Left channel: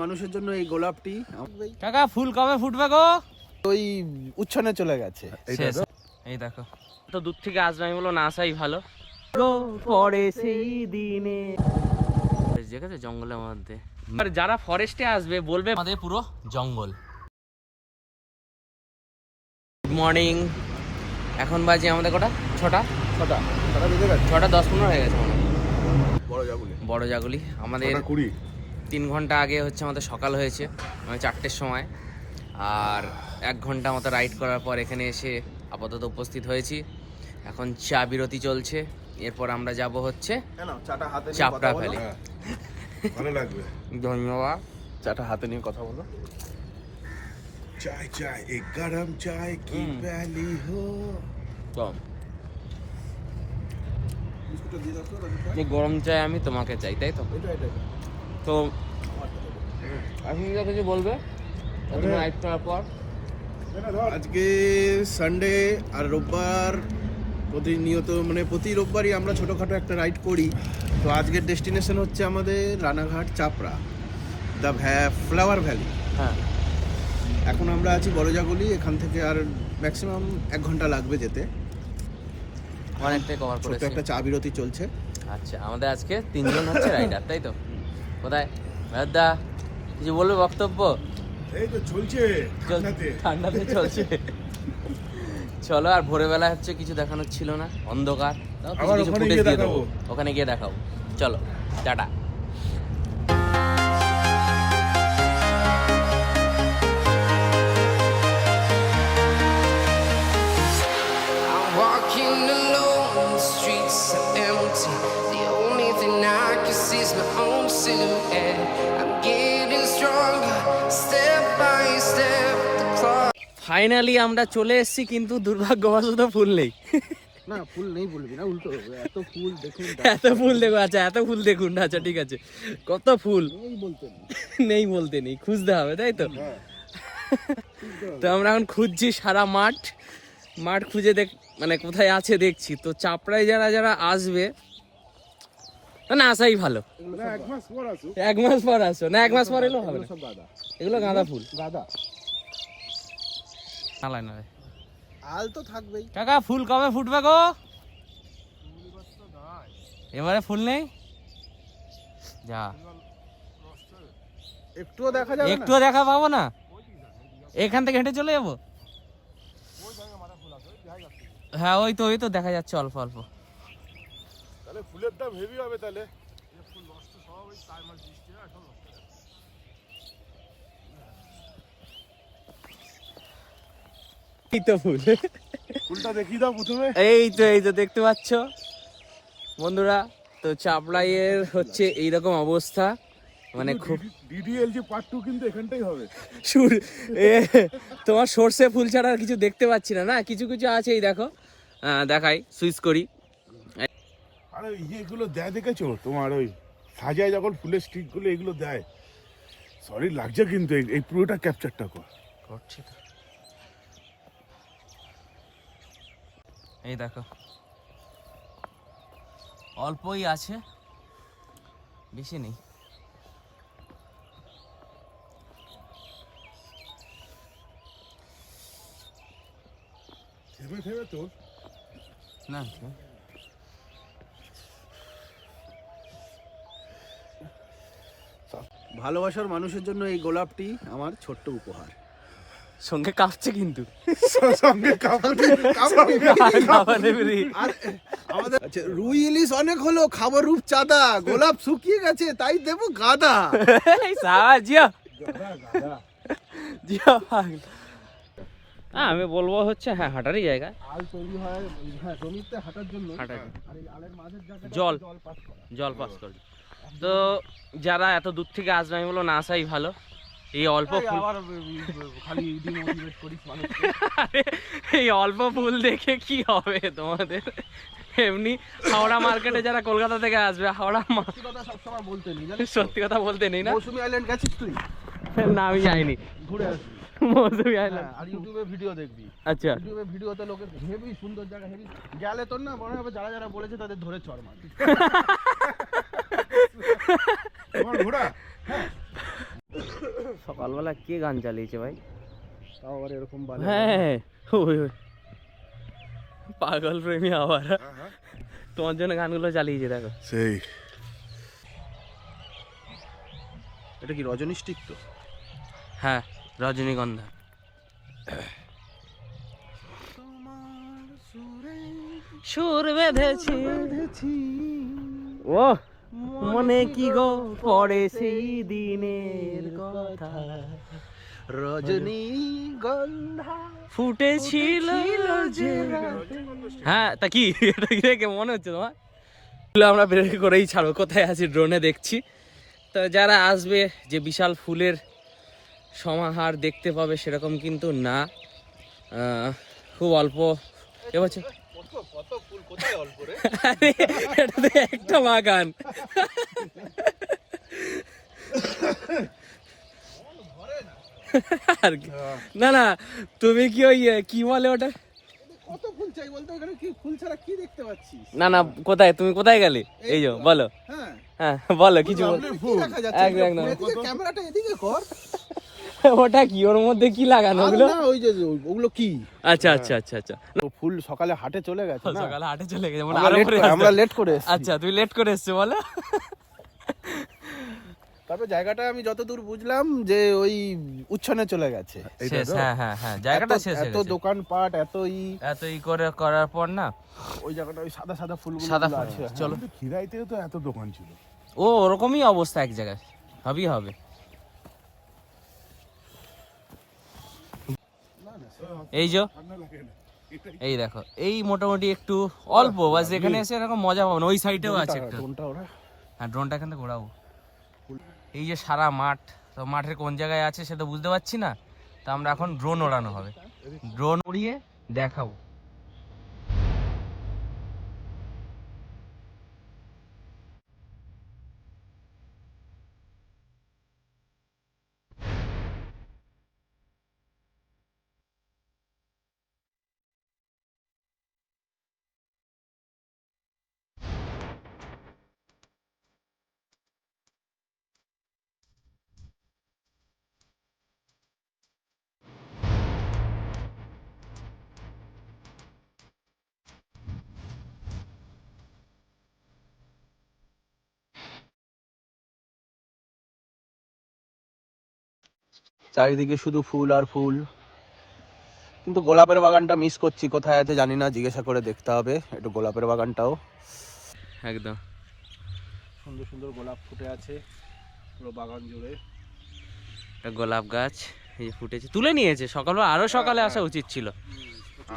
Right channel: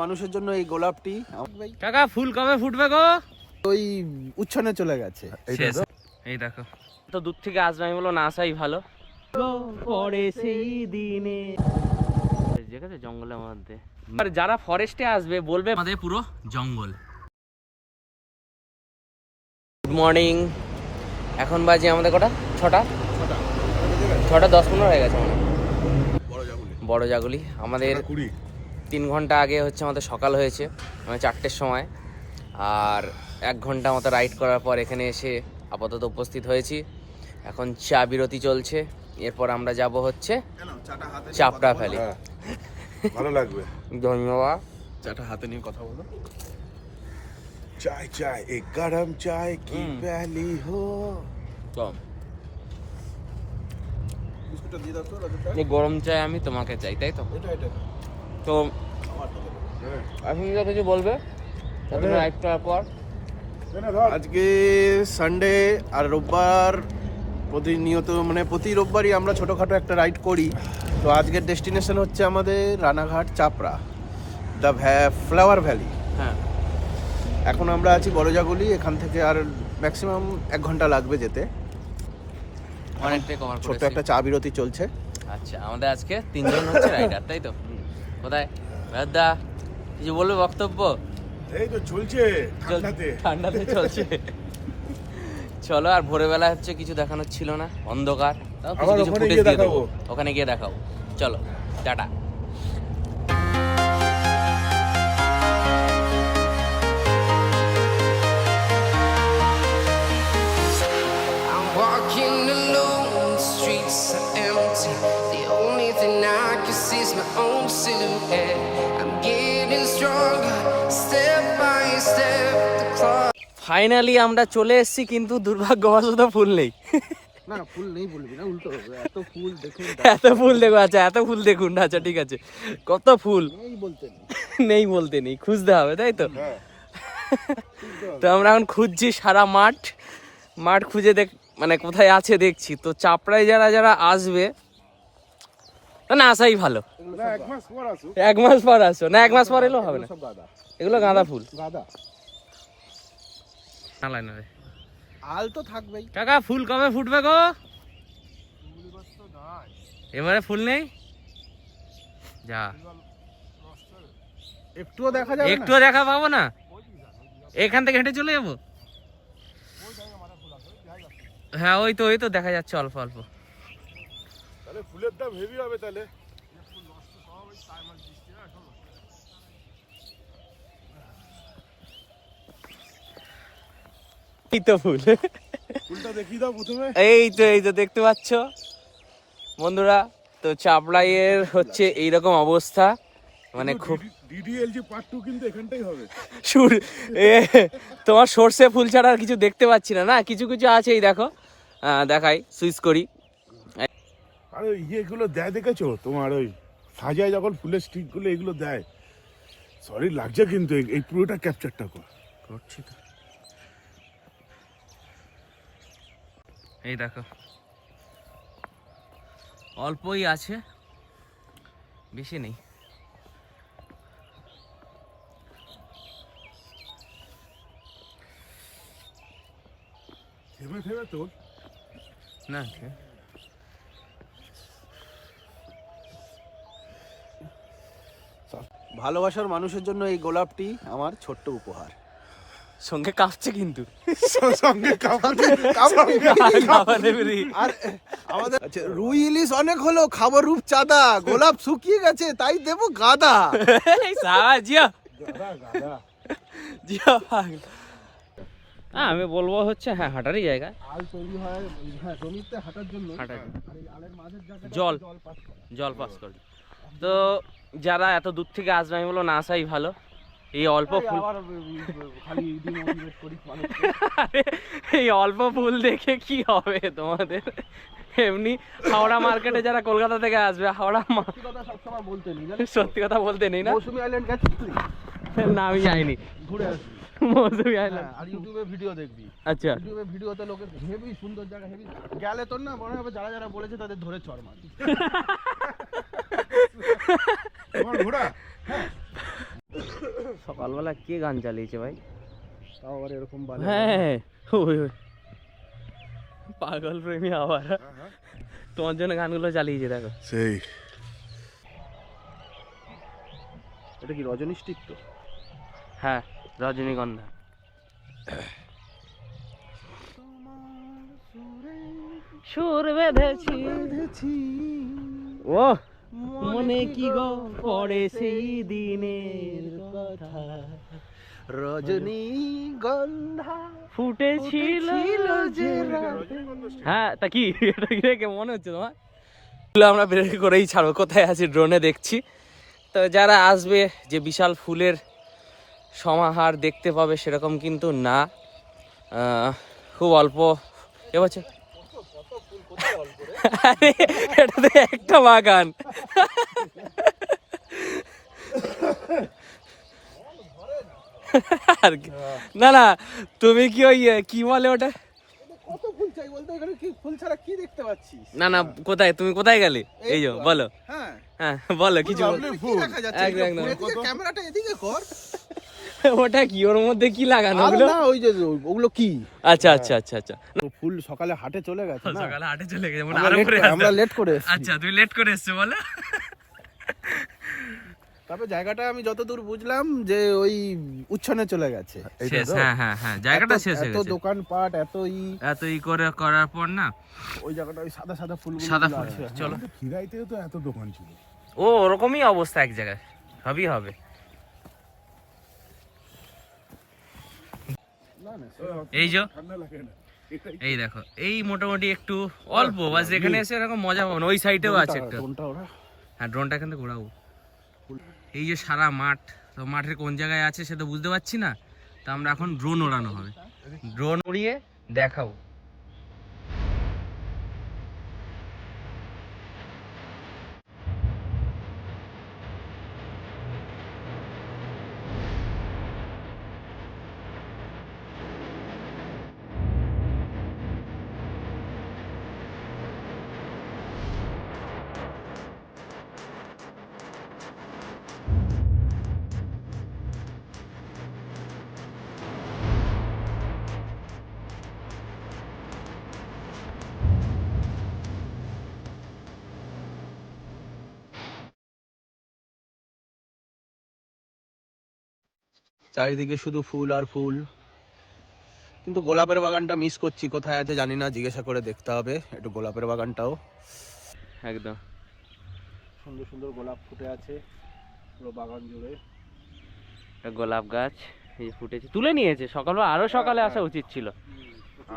মানুষের জন্য এই গোলাপটি কাকা ফুল কবে ফুটবে গো? ওই উচ্ছনে চলে গেছে। এই দেখো তো দূর থেকে আসবে, আমি বলো না আসাই ভালো। পরে সেই দিনে দেখেছে জঙ্গলের মধ্যে, আর যারা ফরেস্টে আসবে বলবে আমাদের পুরো জঙ্গল। গুড মর্নিং, এখন বাজে আমাদের কটা? 6টা 10-15 হয়ে গেছে মনে হয়। বড় জাগুলি আমাদের 3 ঘন্টা আগে হচ্ছে আমাদের সকাল হয়েছে, মানে 4টের সময়। আর 1 ঘন্টা মতো রাইড করার পর এখানে এসে আপাতত উপস্থিত হয়েছি। এখন চা বিরতি চলছে, এরপর আমরা যাব হচ্ছে চাপড়া ভ্যালি। ভালো লাগবে, ধন্যবাদ। চাটা হাতে নিয়ে কথা বলো। চায় চায় এক গরম চায় কি প্যালি হো। কম এই গরম চাই আমি তোমাকে চাই, তাই তো? তো এখন কিছু বলবে রাইড করার পর? আজকে সানডে আর রোববার প্রতিনিয়ত, মানে প্রতি রোববারই আমরা ছোটোখাটো একটা রাইড করি। তো আজকের ডেস্টিনেশন হচ্ছে আমাদের রানাঘাট চাপড়া, দ্য ফ্লাওয়ার ভ্যালি। হ্যাঁ, এখন আমরা আছি বড়জাগুলি, এখান থেকে আর ম্যাক্সিমাম 1 ঘন্টা লাগবে যেতে। অনেকটাই কভার করেছি। একটা চা বিরতি চলছে। আচ্ছা, আমাদের আজকে 3 জন হচ্ছে রাইডার, তাই তো? কোথায় দাদা কিছু বলবে বক্তব্য? এই তো চলছে, ঠান্ডাতে চলছে। চলো, আর ভোরবেলা হচ্ছে কিছু দেখানোর ছিল না, অন্ধকার। তাও কিছু কিছু ফুটেজ দিয়ে দেবো, ওখানে গিয়ে দেখাও। চলো, tata. Walking alone, the streets are empty. The only thing I can see is my own silhouette. I'm getting stronger, step by step. The clock. Finally আমরা চলে এসেছি, কিন্তু দুর্ভাগ্যবশত ফুল নেই। না, ফুল নেই বলবি না, উল্টো এত ফুল দেখুন। এত ফুল দেখো, আচ্ছা এত ফুল দেখুন, আচ্ছা ঠিক আছে। কত ফুল নেই বলতে নেই, খুঁজতে হবে, তাই তো? তো আমরা এখন খুঁজছি সারা মাঠ খুঁজে মানে কোথায় আছে দেখছি। তো চাপড়ায় যারা যারা আসবে না আসাই ভালো। 1 মাস পর আসো। 1 মাস পর আসো না, 1 মাস পর এলেও হবে না। এগুলো গাঁদা ফুল। আল তো থাকবেই। কাকা ফুল কবে ফুটবে গো? এবারে ফুল নেই, যা একটুও দেখা পাবো না। এখান থেকে হেঁটে চলে যাবো। হ্যাঁ, ওই তো দেখা যাচ্ছে অল্প অল্প। তাহলে ফুলের দাম হেভি হবে তাহলে। এই তো ফুলটা দেখিয়ে দাও প্রথমে। এই তো দেখতে পাচ্ছ বন্ধুরা। তো চাপড়াইয়ের হচ্ছে এইরকম অবস্থা, মানে খুব ডিডিএলজি পার্ট 2 কিন্তু এখানটাই হবে। তোমার সর্ষে ফুল ছাড়া আর কিছু দেখতে পাচ্ছি না। না, কিছু কিছু আছে, এই দেখো, দেখাই, সুইচ করি। আরে এগুলো দেয় দেখেছো, তোমার ওই সাজায় যখন ফুলের স্টিক গুলো এগুলো দেয়, সরি লাগছে কিন্তু এই পুরোটা ক্যাপচারটা করছি তো। এই দেখো, অল্পই আছে, বেশি নেই। থেমে তোর না, ভালোবাসার মানুষের জন্য এই গোলাপটি আমার ছোট্ট উপহার। সঙ্গে কাঁপছে কিন্তু, সঙ্গে আচ্ছা, রুই ইলিশ অনেক হলো, খাবো রূপচাঁদা, গোলাপ শুকিয়ে গেছে তাই দেবো গাদা। আমি বলবো হচ্ছে হ্যাঁ হাঁটারই জায়গা। আল তৈরি হয় জমিতে হাঁটার জন্য, আলের মাঝের জায়গাটা জল পাস করে। তো যারা এত দূর থেকে আসবে, আমি বলবো না আসাই ভালো। এই অল্প ফুল, এই অল্প ফুল দেখে কি হবে তোমাদের? এমনি হাওড়া মার্কেটে যারা কলকাতা থেকে আসবে, সত্যি কথা বলতে নেই না। মৌসুমী আইল্যান্ড গেছিস তুই? না, আমি যাইনি। ঘুরে আসবি মৌসুমী আইল্যান্ড। আর ইউটিউবে ভিডিও দেখবি। আচ্ছা, ইউটিউবে ভিডিওতে লোকের হেভি সুন্দর জায়গা, হেভি গেলে তোর না মনে হবে যারা যারা বলেছে তাদের ধরে চড় মার। সকালবেলা কে গান চালিয়েছে ভাই? তাও আবার এরকম হ্যাঁ ওই ওই পাগল প্রেমী আবার তোমার জন্য গানগুলো চালিয়েছে দেখো। সেই এটা কি রজনী স্টিক তো? হ্যাঁ রজনীগন্ধা। সুর বেঁধেছি ও মনে কি গো পড়ে সেই দিনের কথা, রজনীগন্ধা ফুটেছিল যে রাতে। হ্যাঁ তা কি এটা কি দেখে মনে হচ্ছে তোমার? আমরা বের করেই ছাড়বো, কোথায় আছি ড্রোনে দেখছি। তো যারা আসবে যে বিশাল ফুলের সমাহার দেখতে পাবে সেরকম কিন্তু না, খুব অল্প এবছর। আরে এটা তো একটা বাগান। আর না না তুমি কি ওই কি বলে ওটা, কত ফুল চাই বলতো? এখানে কি ফুল ছাড়া কি দেখতে পাচ্ছিস? না না কোথায় তুমি কোথায় গেলে? এই যে বলো। হ্যাঁ হ্যাঁ বলো কিছু ক্যামেরাটা এদিকে কর। ওটা কি ওর মধ্যে কি লাগানো ওগুলো? না ওই যে ওগুলো কি? আচ্ছা আচ্ছা আচ্ছা আচ্ছা ফুল সকালে হাটে চলে গেছে না, সকালে হাটে চলে গেছে আমরা লেট করে এসেছি। আচ্ছা তুই লেট করে এসছো বলো। তারপর জায়গাটা আমি যতদূর বুঝলাম যে ওই উচ্ছনে চলে গেছে। হ্যাঁ হ্যাঁ হ্যাঁ জায়গাটা শেষ হয়ে এত গেছে, দোকানপাট এত ই করে করার পর না ওই জায়গাটা ওই সাদা সাদা ফুলগুলো সাদা গুলো ফুল। আছে। চলো খিরাইতেও তো এত দোকান ছিল। ও ওরকমই অবস্থা এক জায়গায় হবেই হবে। এই যে এই দেখো এই মোটামুটি একটু অল্প বাস, এখানে এসে এরকম মজা পাবো না। ওই সাইডেও আছে একটা, কোনটা ওরা? হ্যাঁ ড্রোনটা এখান থেকে ঘোরাবো। এই যে সারা মাঠ, তো মাঠের কোন জায়গায় আছে সেটা বুঝতে পারছি না, তো আমরা এখন ড্রোন ওড়ানো হবে, ড্রোন উড়িয়ে দেখাবো। চারিদিকে শুধু ফুল আর ফুল, কিন্তু গোলাপের বাগানটা মিস করছি, কোথায় আছে জানি না, জিজ্ঞাসা করে দেখতে হবে একটু গোলাপের বাগানটাও। একদম সুন্দর সুন্দর গোলাপ ফুটে আছে পুরো বাগান জুড়ে। একটা গোলাপ গাছ এই যে ফুটেছে, তুলে নিয়েছে সকালবেলা, আরো সকালে আসা উচিত ছিল।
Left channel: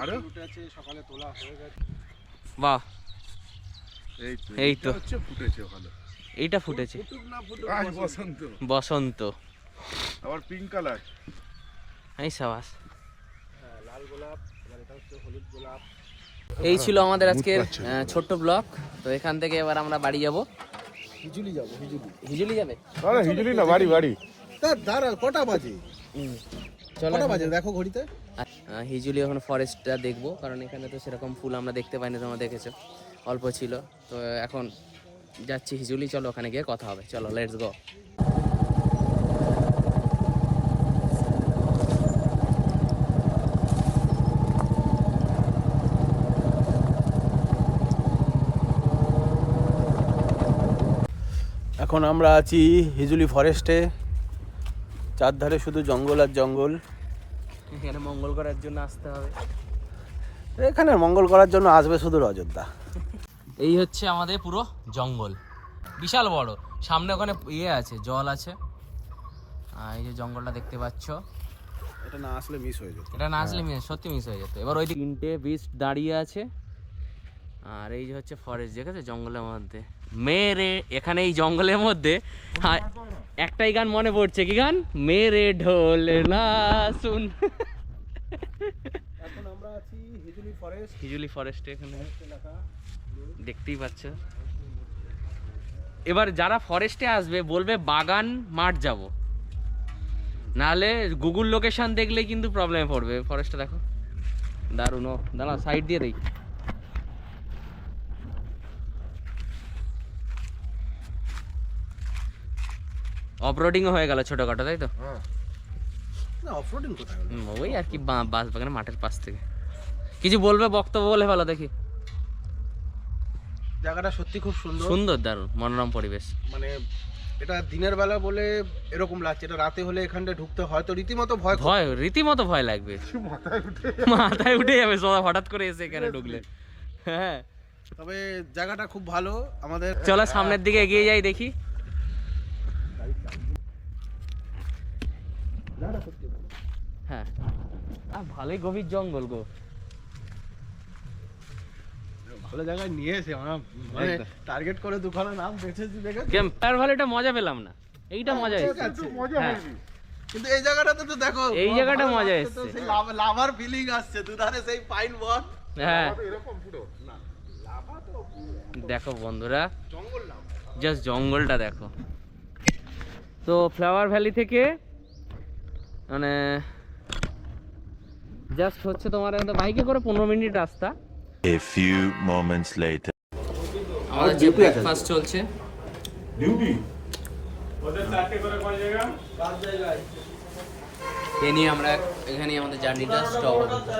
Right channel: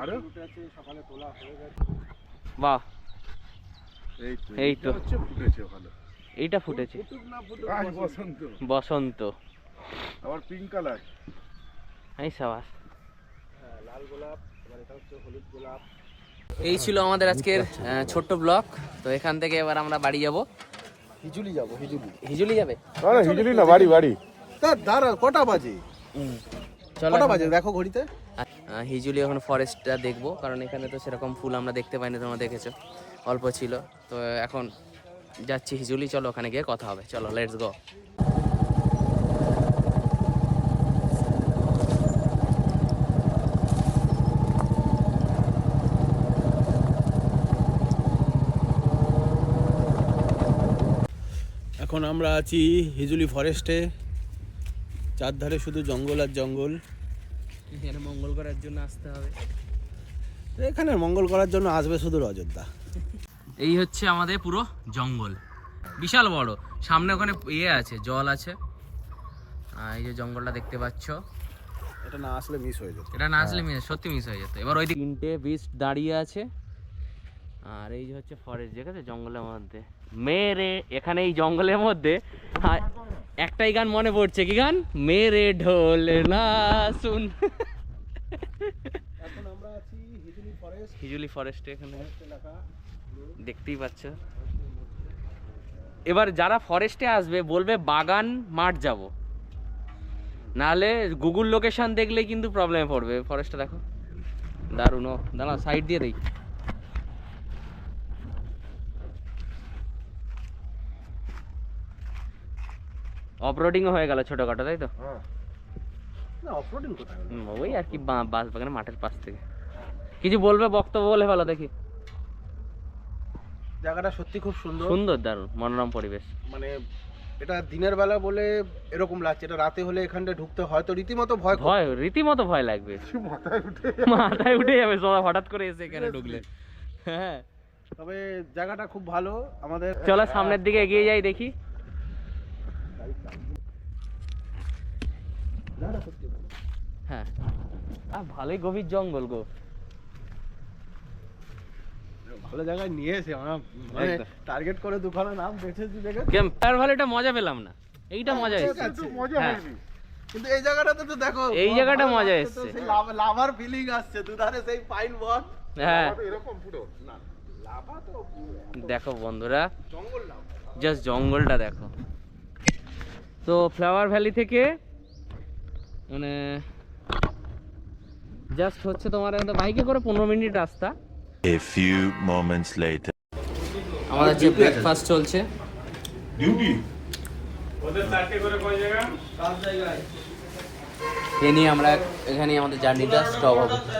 আরো ফুটে আছে, সকালে তোলা হয়ে গেছে। বাহ এই তো হচ্ছে ফুটেছে ওখানে। এইটা ফুটেছে ফুটুক না ফুটুক, আজ বসন্ত, বসন্ত। আবার পিঙ্ক কালার। এই সাবাস। হ্যাঁ, লাল গোলাপ, এবার এটা হচ্ছে হলুদ গোলাপ। এই ছিল আমাদের আজকের ছোট্ট ব্লগ। তো এখান থেকে এবার আমরা বাড়ি যাব। হিজুলি যাবো, হিজুলি। হিজুলি যাবে? হিজুলি না, বাড়ি বাড়ি। দাঁড়া, কটা বাজে? চলো কটা বাজে দেখো ঘড়িতে। হিজুলি এখন ফরেস্টটা দেখবো, কারণ এখানে তো সেরকম ফুল আমরা দেখতে পাইনি, তোমরা দেখেছো অল্প ছিল। তো এখন যাচ্ছি হিজুলি, চলো ওখানে গিয়ে কথা হবে, চলো লেটস গো। এখন আমরা আছি হিজুলি ফরেস্টে, চারধারে শুধু জঙ্গল আর জঙ্গল। এখানে মঙ্গল করার জন্য আসতে হবে, এখানে মঙ্গল করার জন্য আসবে শুধু অযোধ্যা। এই হচ্ছে আমাদের পুরো জঙ্গল, বিশাল বড়। সামনে ওখানে ইয়ে আছে, জল আছে, আর এই যে জঙ্গলটা দেখতে পাচ্ছ, এটা না আসলে মিস হয়ে যেত। এটা না আসলে সত্যি মিস হয়ে যেত। এবার ওই তিনটে বিচ দাঁড়িয়ে আছে, আর এই যে হচ্ছে ফরেস্ট, দেখেছো জঙ্গলের মধ্যে মেরে। এখানে এই জঙ্গলের মধ্যে একটাই গান মনে পড়ছে, কি গান? মেরে ঢোল না শুন। এখন আমরা আছি হিজুলি ফরেস্ট, হিজুলি ফরেস্টে, এখানে দেখতেই পাচ্ছ। এবার যারা ফরেস্টে আসবে বলবে বাগান মাঠ যাব, নাহলে গুগল লোকেশন দেখলে কিন্তু প্রবলেমে পড়বে। ফরেস্টটা দেখো দারুণ। দাঁড়া সাইড দিয়ে দেই। অফরোডিংও হয়ে গেল ছোটখাটো, তাই তো? না অফরোডিং কোথায়? ওই আর কি বাস বাগানে মাঠের পাশ থেকে। কিছু বলবে, বক্তব্য বলে ভালো দেখি। জায়গাটা সত্যি খুব সুন্দর, সুন্দর, দারুণ মনোরম পরিবেশ। মানে এটা দিনের বেলা বলে এরকম লাগছে, এটা রাতে হলে এখানটা ঢুকতে হয়তো রীতিমতো ভয় করবে। ভয়, রীতিমতো ভয় লাগবে, মাথায় উঠে যাবে সব হঠাৎ করে এসে এখানে ঢুকলে। হ্যাঁ, তবে জায়গাটা খুব ভালো। আমাদের চলো সামনের দিকে এগিয়ে যাই, দেখি। হ্যাঁ, ভালোই গভীর জঙ্গল গো। ভালো জায়গায় নিয়ে এসে আমরা মানে একদম। টার্গেট করে দুখানা নাম বেছেছি দেখে। ক্যাম্পার ভালিটা মজা পেলাম না, এইটা মজা ঠিক এসেছে। আছে, মজা হ্যাঁ। হয়নি। কিন্তু এই জায়গাটাতে তো দেখো, এই জায়গাটা ভালো মজা লাগছে তো, এসছে। সেই লাভার ফিলিং আসছে, দুধারে সেই পাইন বন। হ্যাঁ, এরকম পুরো না লাভা তো দেখো বন্ধুরা, জঙ্গল লাভা। জাস্ট জঙ্গলটা দেখো। তো ফ্লাওয়ার ভ্যালি থেকে মানে জাস্ট হচ্ছে তোমার বাইকে করে 15 মিনিট রাস্তা। A few moments later. আমাদের যে ব্রেকফাস্ট চলছে, এ নিয়ে আমরা এখানে আমাদের জার্নিটা স্টপ হবে।